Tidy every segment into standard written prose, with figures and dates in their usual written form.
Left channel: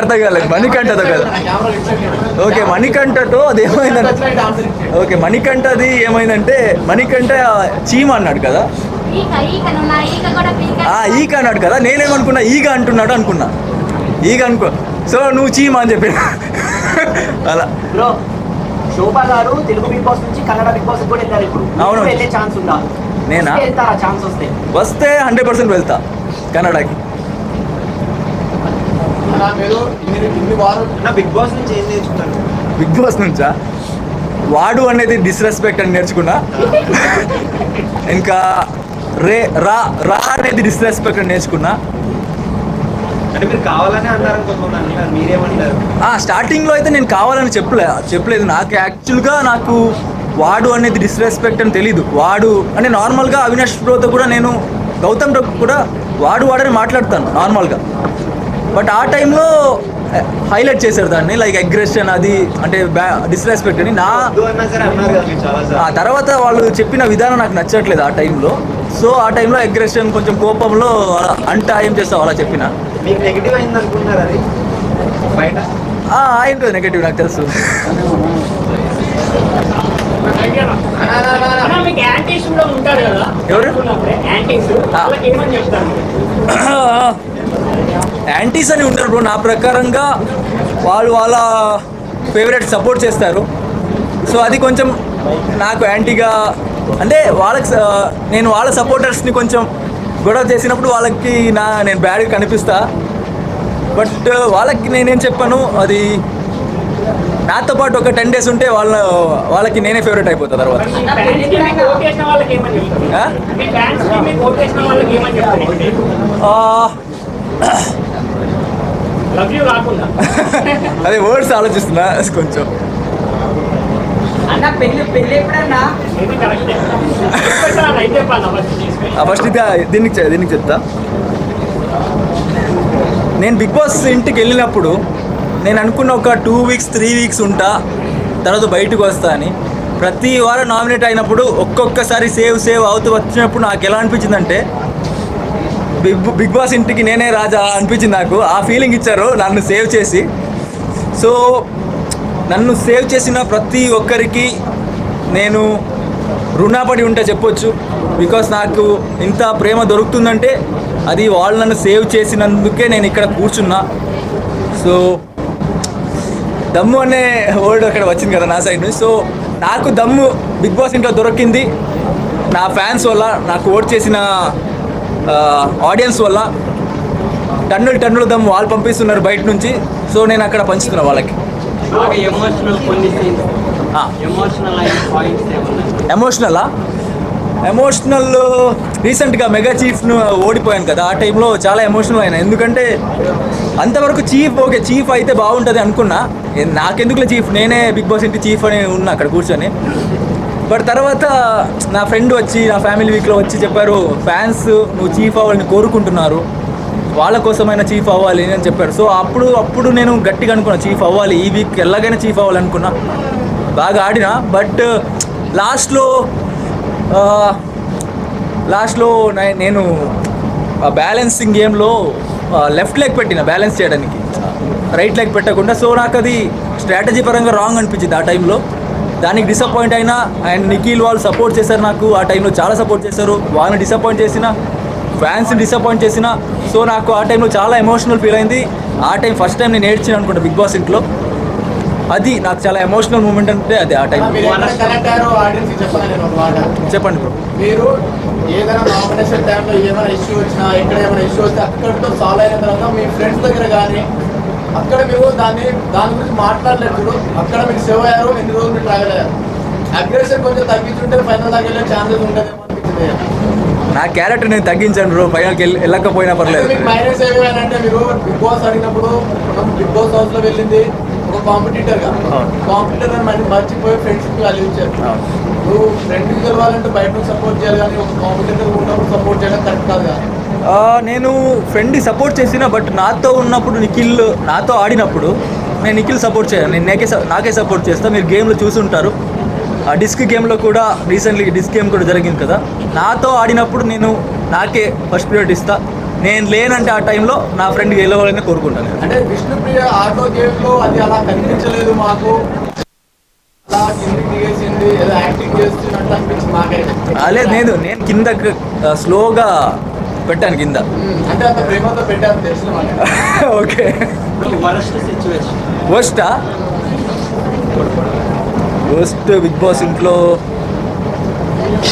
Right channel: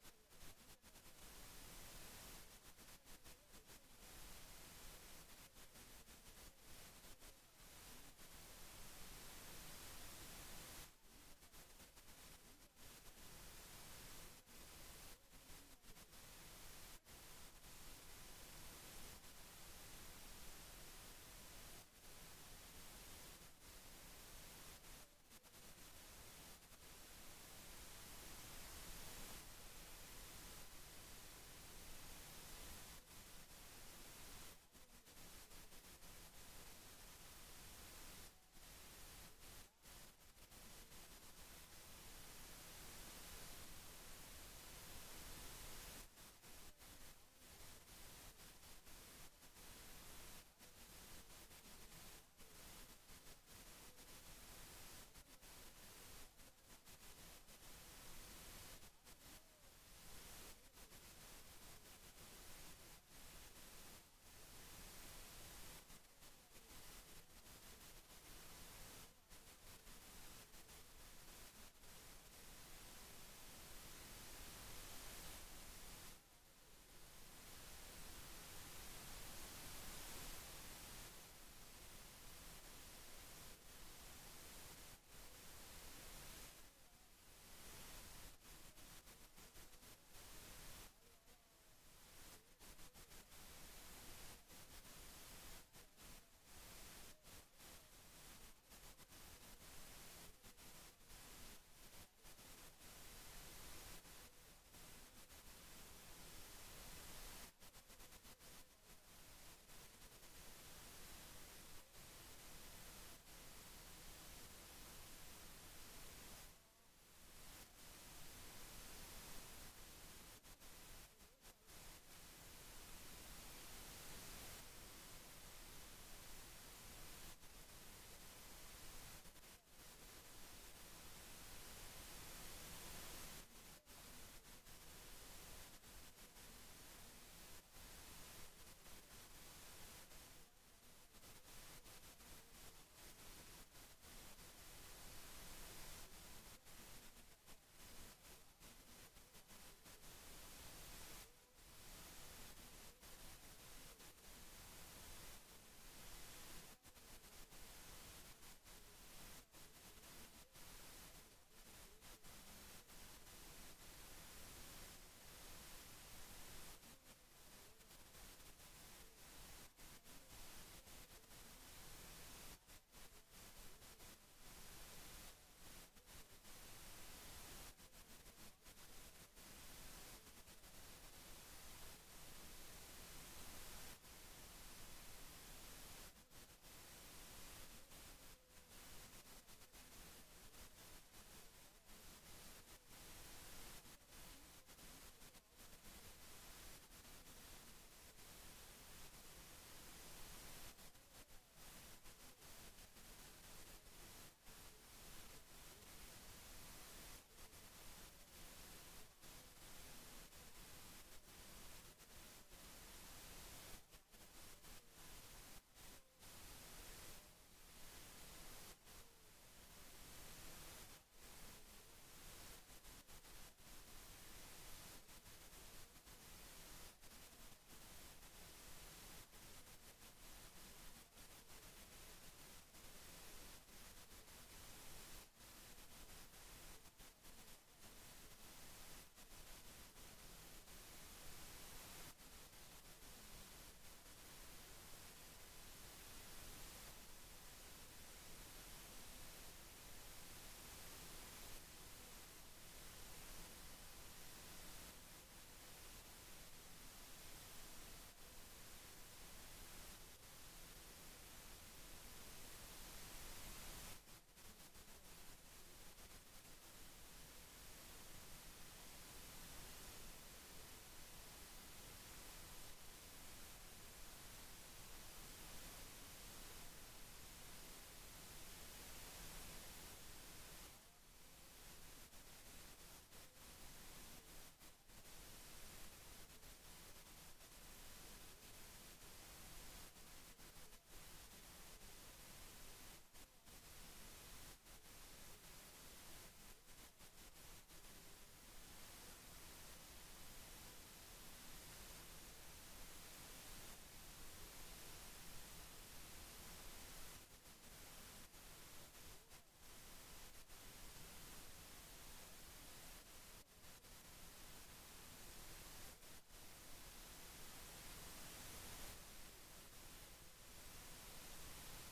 అర్థం కాలేదు. మణికంఠతో కదా. ఓకే, మణికంఠతో అది ఏమైందంటే, ఓకే మణికంఠది ఏమైందంటే, మణికంఠ చీమ అన్నాడు కదా, ఈగ అన్నాడు కదా. నేనేమనుకున్నా ఈగ అంటున్నాడు అనుకున్నా, ఈగ అనుకో. సో నువ్వు చీమ అని చెప్పి అలా. బ్రో శోభా గారు తెలుగు బిగ్ బాస్ నుంచి కన్నడ బిగ్ బాస్ కూడా వెళ్తారు ఇప్పుడు. అవును, వెళ్ళే ఛాన్స్ ఉందా? నేనా? వెళ్తారా? ఛాన్స్ వస్తే 100% వెళ్తా కన్నడకి. బిగ్ బాస్ నుంచి ఏం నేర్చుకున్నారు? బిగ్ బాస్ నుంచా? వాడు అనేది డిస్రెస్పెక్ట్ అని నేర్చుకున్నా. ఇంకా రా అనేది డిస్రెస్పెక్ట్ అని నేర్చుకున్నా. అంటే మీరు కావాలని అన్నారు కొంతమంది, మీరేమంటారు? స్టార్టింగ్లో అయితే నేను కావాలని చెప్పలేదు. నాకు యాక్చువల్గా నాకు వాడు అనేది డిస్రెస్పెక్ట్ అని తెలీదు. వాడు అంటే నార్మల్గా అవినాష్ బ్రోతో కూడా నేను, గౌతమ్ బ్రో కూడా వాడని మాట్లాడతాను నార్మల్గా. బట్ ఆ టైంలో హైలైట్ చేశారు దాన్ని, లైక్ అగ్రెషన్ అది అంటే డిస్రెస్పెక్ట్ అని. ఆ తర్వాత వాళ్ళు చెప్పిన విధానం నాకు నచ్చట్లేదు ఆ టైంలో. సో ఆ టైంలో అగ్రెషన్ కొంచెం కోపంలో అంట ఏం చేస్తావు అలా చెప్పిన. నెగిటివ్ అయింది అనుకుంటున్నారు అది బయట? అయింటుంది నెగిటివ్, నాకు తెలుసు. ఎవరు యాంటీస్ అని ఉంటారు బ్రో. నా ప్రకారంగా వాళ్ళ ఫేవరెట్ సపోర్ట్ చేస్తారు. సో అది కొంచెం నాకు యాంటీగా, అంటే నేను వాళ్ళ సపోర్టర్స్ని కొంచెం గొడవ చేసినప్పుడు వాళ్ళకి నేను బ్యాడ్గా కనిపిస్తా. బట్ వాళ్ళకి నేనేం చెప్పాను, అది నాతో పాటు ఒక 10 days ఉంటే వాళ్ళకి నేనే ఫేవరెట్ అయిపోతా తర్వాత. అదే వర్డ్స్ ఆలోచిస్తున్నా కొంచెం. ఫస్ట్ దీనికి చెప్తా. నేను బిగ్ బాస్ ఇంటికి వెళ్ళినప్పుడు నేను అనుకున్న ఒక 2 weeks 3 weeks ఉంటా, తర్వాత బయటకు వస్తా అని. ప్రతి వారం నామినేట్ అయినప్పుడు ఒక్కొక్కసారి సేవ్ అవుతూ వచ్చినప్పుడు నాకు ఎలా అనిపించిందంటే, బిగ్ బాస్ ఇంటికి నేనే రాజా అనిపించింది నాకు. ఆ ఫీలింగ్ ఇచ్చారు నన్ను సేవ్ చేసి. సో నన్ను సేవ్ చేసిన ప్రతి ఒక్కరికి నేను రుణపడి ఉంటే చెప్పొచ్చు. బికాస్ నాకు ఇంత ప్రేమ దొరుకుతుందంటే అది వాళ్ళు నన్ను సేవ్ చేసినందుకే నేను ఇక్కడ కూర్చున్నా. సో దమ్ము అనే వర్డ్ అక్కడ వచ్చింది కదా నా సైడ్ నుంచి. సో నాకు దమ్ము బిగ్ బాస్ ఇంట్లో దొరికింది నా ఫ్యాన్స్ వల్ల, నాకు ఓట్ చేసిన ఆడియన్స్ వల్ల. టన్నులు దమ్ము వాళ్ళు పంపిస్తున్నారు బయట నుంచి. సో నేను అక్కడ పంచుతున్నా వాళ్ళకి. ఎమోషనల్ రీసెంట్గా మెగా చీఫ్ను ఓడిపోయాను కదా, ఆ టైంలో చాలా ఎమోషనల్ అయినా. ఎందుకంటే అంతవరకు చీఫ్ అయితే బాగుంటుంది అనుకున్నా. నాకెందుకులే చీఫ్, నేనే బిగ్ బాస్ ఇంటి చీఫ్ అని ఉన్నా అక్కడ కూర్చొని. బట్ తర్వాత నా ఫ్రెండ్ వచ్చి, నా ఫ్యామిలీ వీక్లో వచ్చి చెప్పారు, ఫ్యాన్స్ నువ్వు చీఫ్ అవ్వాలని కోరుకుంటున్నారు, వాళ్ళ కోసమైనా చీఫ్ అవ్వాలి అని చెప్పారు. సో అప్పుడు నేను గట్టిగా అనుకున్నా చీఫ్ అవ్వాలి, ఈ వీక్ ఎలాగైనా చీఫ్ అవ్వాలనుకున్నా. బాగా ఆడినా. బట్ లాస్ట్లో నేను బ్యాలెన్సింగ్ గేమ్లో లెఫ్ట్ లెగ్ పెట్టిన బ్యాలెన్స్ చేయడానికి, రైట్ లెగ్ పెట్టకుండా. సో నాకు అది స్ట్రాటజీ పరంగా రాంగ్ అనిపించింది ఆ టైంలో. దానికి డిసప్పాయింట్ అయినా. అండ్ నిఖిల్ వాళ్ళు సపోర్ట్ చేశారు నాకు ఆ టైంలో, చాలా సపోర్ట్ చేశారు. వాళ్ళని డిసప్పాయింట్ చేసిన, ఫ్యాన్స్ని డిసప్పాయింట్ చేసిన. సో నాకు ఆ టైంలో చాలా ఎమోషనల్ ఫీల్ అయింది. ఆ టైం ఫస్ట్ టైం నేను ఏడ్చాను అనుకుంటా బిగ్ బాస్ ఇంట్లో. అది నాకు చాలా ఎమోషనల్ మూమెంట్ అంటే అది ఆ టైం. చెప్పండి బ్రో. మీరు ఏదైనా నామినేషన్ టైంలో ఏమైనా ఇష్యూ వచ్చినా, ఎక్కడ ఏమైనా ఇష్యూ వస్తే అక్కడితో సాల్వ్ అయిన తర్వాత మీ ఫ్రెండ్స్ దగ్గర కానీ అక్కడ మీరు దాని గురించి మాట్లాడలేదు, అక్కడ మీరు సేవ్ అయ్యారు, ఎన్ని రోజులు మీరు ట్రావెల్ అయ్యారు. అగ్రెషన్ కొంచెం తగ్గించుంటే ఫైనల్ దాకా వెళ్ళే ఛాన్సెస్ ఉంటుందేమో అనిపించింది. నా క్యారెక్టర్ నేను తగ్గించాను బ్రో, ఫైనల్కి వెళ్ళకపోయినా పర్లేదు. మైనస్ ఏమైనా మీరు బిగ్ బాస్ అడిగినప్పుడు, మనం బిగ్ బాస్ హౌస్లో వెళ్ళింది ఒక కాంపిటీటర్ మర్చిపోయి ఫ్రెండ్షిప్ వాల్యూ ఇచ్చారు. నువ్వు ఫ్రెండ్కి గెలవాలంటే బయట సపోర్ట్ చేయాలి, కానీ ఒక కాంపిటీటర్ ఉన్నప్పుడు సపోర్ట్ చేయడం కరెక్ట్ కాదు కదా. నేను ఫ్రెండ్ని సపోర్ట్ చేసిన, బట్ నాతో ఉన్నప్పుడు నాతో ఆడినప్పుడు నేను నిఖిల్ సపోర్ట్ చేయను. నేను నాకే సపోర్ట్ చేస్తాను. మీరు గేమ్లో చూసుంటారు, ఆ డిస్క్ గేమ్లో కూడా రీసెంట్లీ డిస్క్ గేమ్ కూడా జరిగింది కదా. నాతో ఆడినప్పుడు నేను నాకే ఫస్ట్ ప్రియారిటీ ఇస్తా. నేను లేనంటే ఆ టైంలో నా ఫ్రెండ్ గెలవాలని కోరుకుంటాను. అంటే విష్ణుప్రియ ఆటో గేమ్ లో అది అలా కనిపించలేదు మాకు, అలా కిందికి దిగేసింది, ఏదో యాక్టింగ్ చేస్తున్నట్టు అనిపించింది నాకైతే. లేదు నేను కింద స్లోగా పెట్టాను కింద. అంటే అంత ప్రేమతో పెట్టాను తెలుసు మనకి. ఓకే. వర్స్ట్ బిగ్ బాస్ ఇంట్లో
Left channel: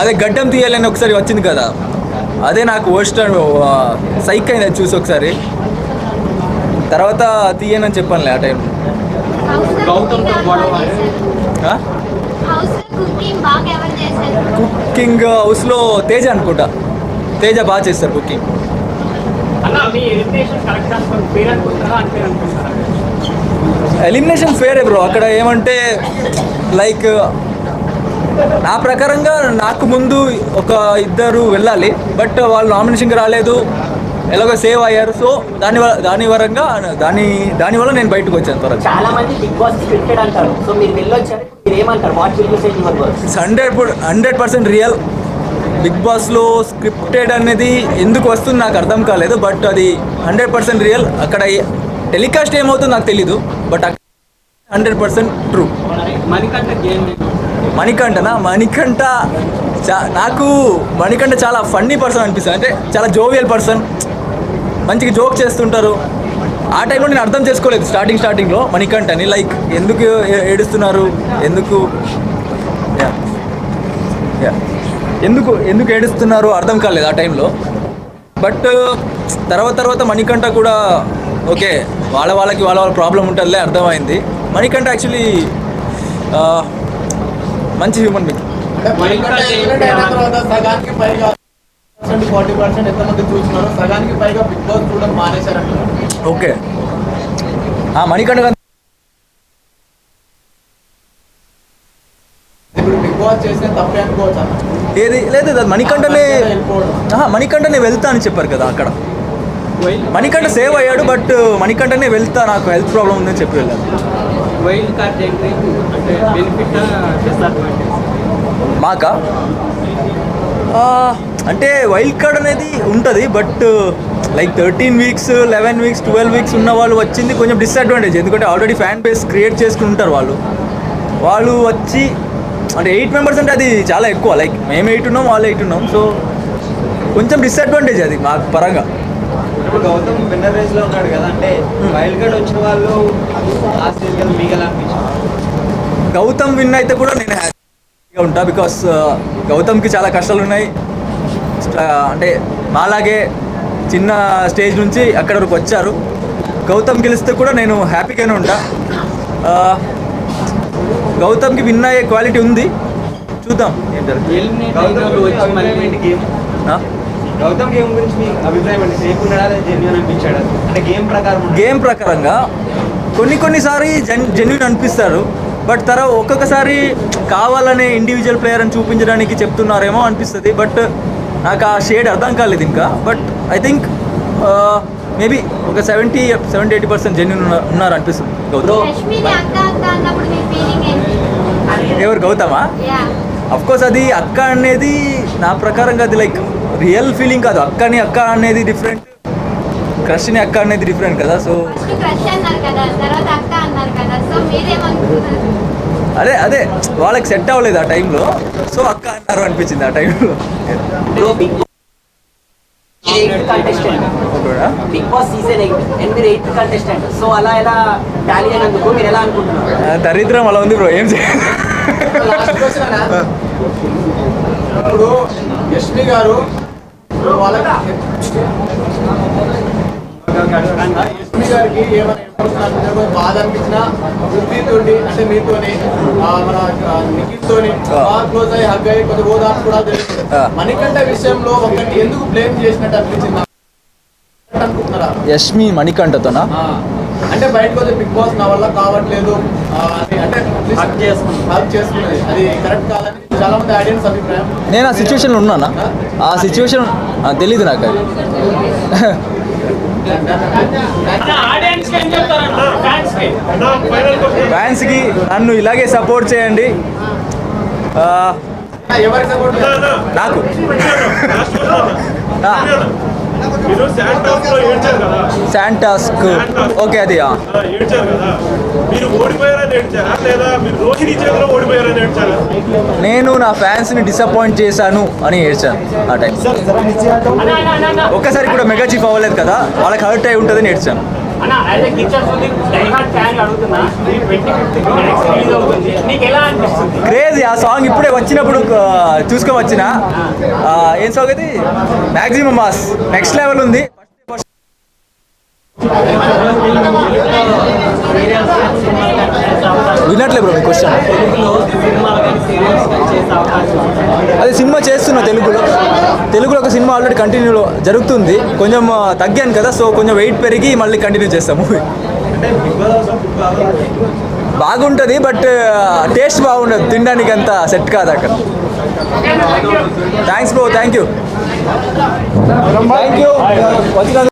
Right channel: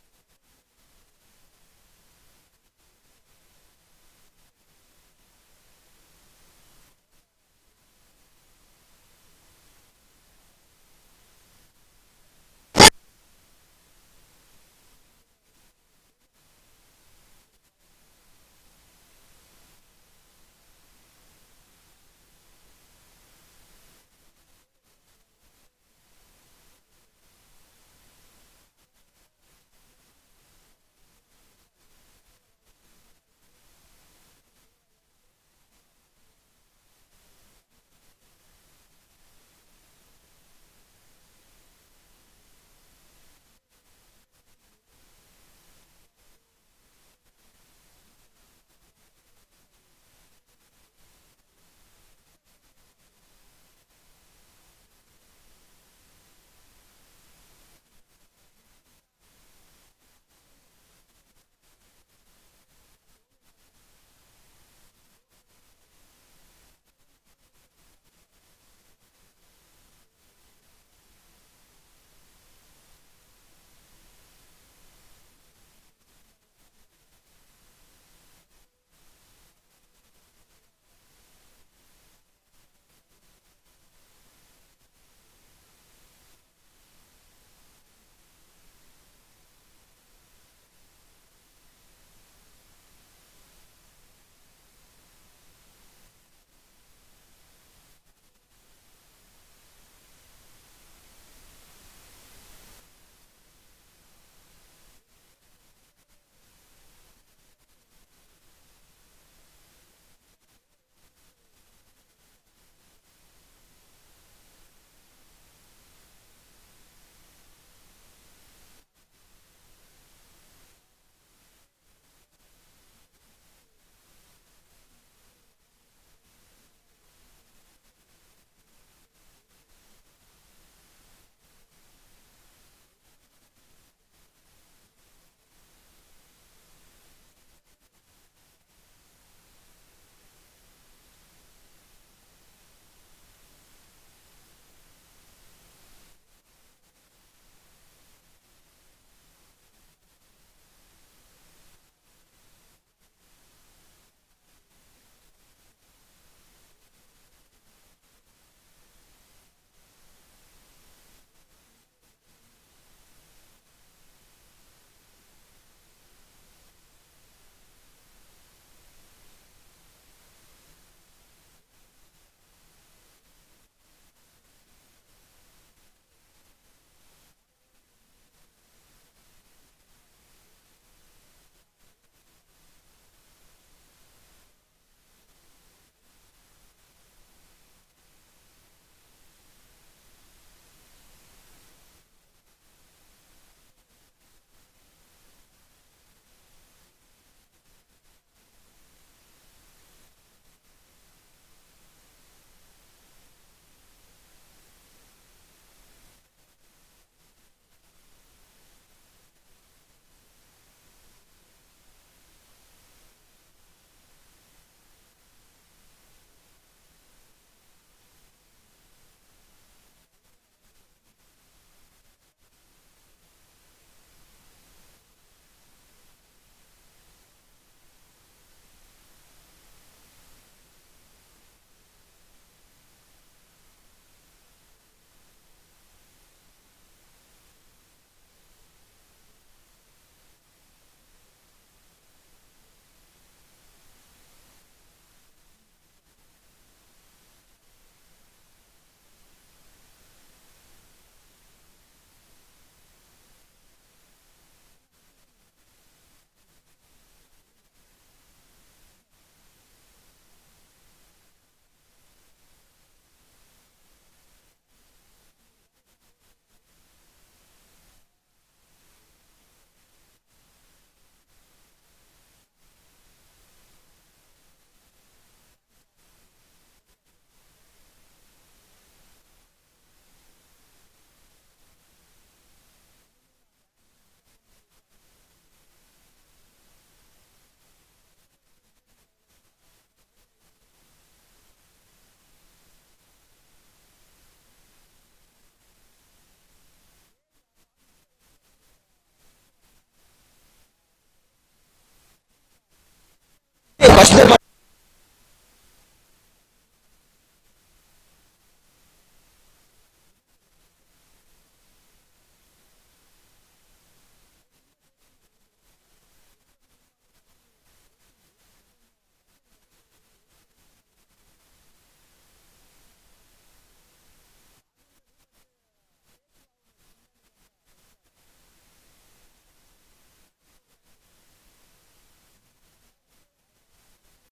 అదే గడ్డం తీయాలని ఒకసారి వచ్చింది కదా, అదే నాకు వర్స్ట్ సైక్ అయింది చూసి ఒకసారి. తర్వాత తీయనని చెప్పానులే ఆ టైం. కుకింగ్ హౌస్లో తేజ అనుకుంటా, తేజ బాగా చేస్తారు కుకింగ్. Elimination Phere bro. అక్కడ ఏమంటే లైక్ నా ప్రకారంగా నాకు ముందు ఒక ఇద్దరు వెళ్ళాలి, బట్ వాళ్ళు నామినేషన్కి రాలేదు, ఎలాగో సేవ్ అయ్యారు. సో దానివల్ల నేను బయటకు వచ్చాను త్వరగా. చాలా మంది బిగ్ బాస్ స్క్రిప్టెడ్ అంటారు, సో మీరు వెళ్ళొచ్చారు, మీరు ఏమంటారు? What will you say your words? 100% real. Bigg బాస్లో స్క్రిప్టెడ్ అనేది ఎందుకు వస్తుంది నాకు అర్థం కాలేదు, బట్ అది 100% రియల్. అక్కడ టెలికాస్ట్ ఏమవుతుందో నాకు తెలీదు, బట్ 100% ట్రూ. నాకు మణికంఠ చాలా ఫన్నీ పర్సన్ అనిపిస్తుంది. అంటే చాలా జోవియల్ పర్సన్, మంచిగా జోక్ చేస్తుంటారు. ఆ టైంలో నేను అర్థం చేసుకోలేదు స్టార్టింగ్లో మణికంఠని, లైక్ ఎందుకు ఏడుస్తున్నారు, ఎందుకు ఏడుస్తున్నారు అర్థం కాలేదు ఆ టైంలో. బట్ తర్వాత మణికంఠ కూడా ఓకే, వాళ్ళకి వాళ్ళ ప్రాబ్లం ఉంటుందిలే, అర్థమైంది. మణికంఠ యాక్చువల్లీ మంచి హ్యూమన్ బీయింగ్. సగానికి పైగా 40% ఎంతమంది చూస్తున్నారు, సగానికి పైగా బిగ్ బాస్ చూడడం మానేశారంటారు. ఓకే, మణికంఠ ఇప్పుడు బిగ్ బాస్ చేసిన తప్పే అనుకోవచ్చు. ఏది లేదు, మణికంఠనే వెళ్తా అని చెప్పారు కదా అక్కడ. మణికంఠ సేవ్ అయ్యాడు, బట్ మణికంఠనే వెళ్తా, నాకు హెల్త్ ప్రాబ్లం ఉందని చెప్పి వెళ్ళాను. మాకా అంటే వైల్డ్ కార్డ్ అనేది ఉంటుంది, but like 13 weeks 11 weeks 12 weeks ఉన్న వాళ్ళు వచ్చింది కొంచెం డిసడ్వాంటేజ్. ఎందుకంటే ఆల్రెడీ ఫ్యాన్ బేస్ క్రియేట్ చేసుకుని ఉంటారు వాళ్ళు వచ్చి, అంటే 8 మెంబర్స్ అంటే అది చాలా ఎక్కువ. లైక్ మేము 8 ఉన్నాం, వాళ్ళు 8 ఉన్నాం, సో కొంచెం డిసడ్వాంటేజ్ అది మాకు పరంగా. ఇప్పుడు గౌతమ్ విన్నర్ రేస్లో ఉన్నాడు కదా, అంటే వైల్డ్ కార్డ్ వచ్చిన వాళ్ళు ఆ స్టేజ్ మీకు ఎలా అనిపించింది? గౌతమ్ విన్ అయితే కూడా నేను హ్యాపీగా ఉంటా, బికాస్ గౌతమ్కి చాలా కష్టాలు ఉన్నాయి. అంటే మాలాగే చిన్న స్టేజ్ నుంచి అక్కడ వరకు వచ్చారు. గౌతమ్ గెలిస్తే కూడా నేను హ్యాపీగానే ఉంటా. గౌతమ్కి విన్ అయ్యే క్వాలిటీ ఉంది, చూద్దాం ఏంటారు. గౌతమ్ గేమ్ గురించి మీ అభిప్రాయం అంటే సేఫ్ ఉన్నాడా లేదా జెన్యూన్ అనిపించాడు? అంటే గేమ్ ప్రకారంగా కొన్నిసారి జెన్యూన్ అనిపిస్తారు, బట్ ఒక్కొక్కసారి కావాలనే ఇండివిజువల్ ప్లేయర్ అని చూపించడానికి చెప్తున్నారేమో అనిపిస్తుంది. బట్ నాకు ఆ షేడ్ అర్థం కాలేదు ఇంకా. బట్ ఐ థింక్ మేబీ ఒక 70-80% జెన్యూన్ ఉన్నారు అనిపిస్తుంది గౌతమ్. ఎవరు గౌతమా? అఫ్కోర్స్ అది అక్క అనేది నా ప్రకారంగా అది లైక్ రియల్ ఫీలింగ్ కాదు. అక్క అనేది డిఫరెంట్, క్రష్ని అక్క అనేది డిఫరెంట్ కదా. సో అదే వాళ్ళకి సెట్ అవ్వలేదు ఆ టైంలో, సో అక్క అన్నారు అనిపించింది ఆ టైంలో. Bigg Boss season 8 contestant, so అలా ఎలా టాలీ అయినందుకు మీరు ఎలా అనుకుంటున్నారు? దరిద్రం అలా ఉంది బ్రో, ఏం చేయాలి. ఇప్పుడు యష్మి గారు వాళ్ళకి యష్మి గారికి ఏమైనా బాధ అనిపించినా వృత్తితోటి, అంటే మీతోని మన నిఖిల్తోని బాగా క్లోజ్ అయ్యి హగ్ అయ్యి కొంచెం ఓదార్పు కూడా తెలుస్తుంది. మణికంఠ విషయంలో ఒకటి ఎందుకు బ్లేమ్ చేసినట్టు అనిపించింది అనుకుంటున్నారా? యష్మి మణికంఠతోనా? అంటే బయటకు వచ్చే బిగ్ బాస్ నా వల్ల కావట్లేదు అంటే హక్ చేసుకున్నది అది కరెక్ట్ కాదని చాలా మంది ఆడియన్స్ అభిప్రాయం. నేను ఆ సిచ్యువేషన్లో ఉన్నానా? ఆ సిచ్యువేషన్ తెలీదు నాకు. అది ఫ్యాన్స్కి నన్ను ఇలాగే సపోర్ట్ చేయండి. ఎవరికి సపోర్ట్? నాకు మీరు శాంటాస్లో ఏడ్చారు కదా, శాంటాస్క్ ఓకే అది ఏడ్చారు కదా, మీరు ఓడిపోయారని ఏడ్చారా లేదా మీరు రోహిణి చేతిలో ఓడిపోయారని ఏడ్చారా? నేను నా ఫ్యాన్స్ని డిసప్పాయింట్ చేశాను అని ఏడ్చాను ఆ టైం. ఒక్కసారి కూడా మెగా చీఫ్ అవ్వలేదు కదా, వాళ్ళకి హర్ట్ అయి ఉంటుందని ఏడ్చాను. అన్న as a kitchen diehard fan అడుగుతున్నా, ఈ 25th రిలీజ్ అవుతుంది, నీకు ఎలా అనిపిస్తుంది? క్రేజీ ఆ సాంగ్ ఇప్పుడే వచ్చినప్పుడు చూసుకొని వచ్చిన ఏం సాంగ్ అది మ్యాక్సిమం మాస్ నెక్స్ట్ లెవెల్ ఉంది. ఫస్ట్ వినట్లే బ్రో మీ క్వశ్చన్. అదే సినిమా చేస్తున్నా తెలుగులో ఒక సినిమా ఆల్రెడీ కంటిన్యూ జరుగుతుంది. కొంచెం తగ్గాను కదా, సో కొంచెం వెయిట్ పెరిగి మళ్ళీ కంటిన్యూ చేస్తాం మూవీ. బాగుంటుంది బట్ టేస్ట్ బాగుండదు, తినడానికి అంత సెట్ కాదు అక్కడ. Thanks bro, thank you.